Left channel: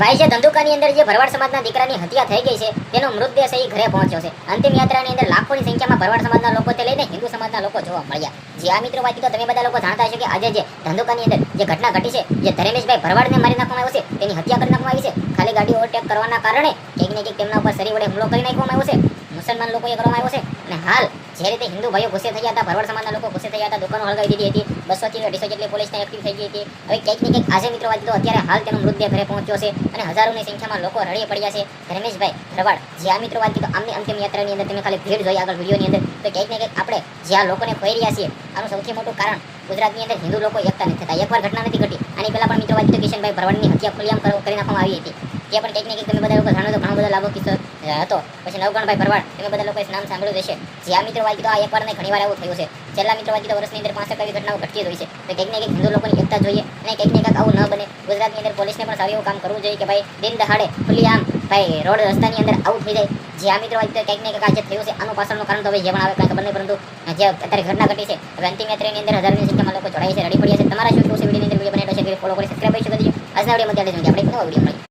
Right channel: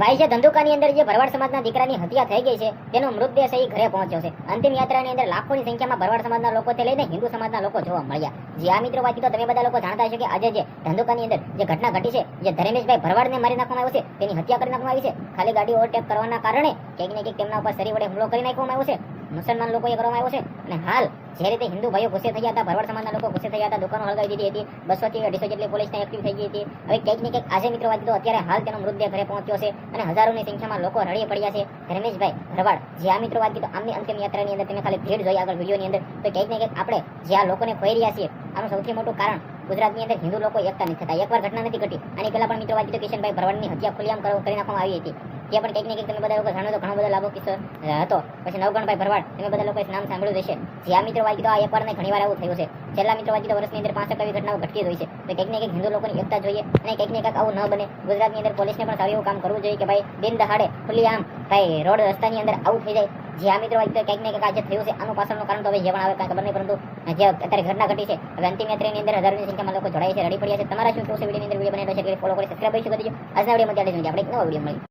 ભાઈ છે ધંધુકાની અંદર જે ભરવાડ સમાજના દીકરાની હત્યા થઈ ગઈ છે તેનો મૃતદેહ સહી ઘરે પહોંચ્યો છે. અંતિમ યાત્રાની અંદર લાખોની સંખ્યામાં ભરવાડ સમાજના લોકોથી લઈને હિન્દુ સમાજના લોકો જોવા મળ્યા. જે આ મિત્રો વાત તો તમે બધા લોકો જાણતા હશો કે આજે જે ધંધુકાની અંદર જે ઘટના ઘટી છે, જે ધર્મેશભાઈ ભરવાડને મારી નાખવામાં આવ્યો છે, તેની હત્યા કરી નાખવામાં આવી છે. ખાલી ગાડી ઓવરટેક કરવાના કારણે કંઈક ને કંઈક તેમના ઉપર શરીર વડે હુમલો કરી નાખવામાં આવ્યો છે. મુસલમાન લોકોએ કરવામાં આવ્યો છે. અને હાલ જે રીતે હિન્દુ ભાઈઓ ગુસ્સે થયા હતા, ભરવાડ સમાજના લોકો ગુસ્સે થયા હતા, દુકાનો હળગાવી દીધી હતી, 200 થી 250 જેટલી પોલીસને એક્ટિવ થઈ ગઈ હતી. હવે કંઈક ને કંઈક આજે મિત્રો વાત તો અત્યારે હાલ તેનો મૃતદેહ ઘરે પહોંચ્યો છે અને હજારોની સંખ્યામાં લોકો રડી પડ્યા છે. ધર્મેશભાઈ ભરવાડ જે આ મિત્રો વાત તો આમની અંતિમ યાત્રાની અંદર તમે ખાલી ભીડ જોઈ આગળ વિડીયોની અંદર, તો કંઈક ને કંઈક આપણે જે આ લોકોને ખોઈ રહ્યા છીએ આનું સૌથી મોટું કારણ ગુજરાતની અંદર હિન્દુ લોકો એકતા નથી થતા. એકવાર ઘટના નથી ઘટી, આની પહેલા પણ મિત્રો વાત તો કિશનભાઈ ભરવાડની હત્યા ખુલ્લેઆમ કરી નાખવામાં આવી હતી. તે પણ કંઈક ને કંઈક તમે બધા લોકો જાણો તો ઘણો બધો લાભો કિસ્સો હતો. પછી નવગણભાઈ ભરવાડ તમે બધા લોકોએ નામ સાંભળ્યું હશે. જે આ મિત્રો વાત તો આ એકવાર ને ઘણીવાર એવું થયું છે. છેલ્લા મિત્રો વાત તો વર્ષની અંદર 65 એવી ઘટનાઓ ઘટતી જ હોય છે. તો કંઈક ને કંઈક હિન્દુ લોકોની એકતા જોઈએ અને કંઈક ને કંઈક આવું ન બને. ગુજરાતની અંદર પોલીસને પણ સારું એવું કામ કરવું જોઈએ કે ભાઈ દિન દહાડે ખુલ્લેઆમ ભાઈ રોડ રસ્તાની અંદર આવું થઈ જાય. જે આ મિત્રો વાત તો કંઈક ને કંઈક આજે થયું છે, આનું પાછળનું કારણ તો હવે જે પણ આવે કાંઈ ખબર નહીં, પરંતુ જે અત્યારે ઘટના ઘટી છે, હવે અંતિમ યાત્રાની અંદર હજારોની સંખ્યામાં લોકો જોડાય છે, રડી પડ્યા છે. તમારા શું કેવું છે? વિડીયોની અંદર વિડીયો બનાવી છે, ફોલો કરી સબસ્ક્રાઇબ કરી શકો છો. આજના વિડીયોમાં ત્યાં આપણે નવો વિડીયો મળીએ.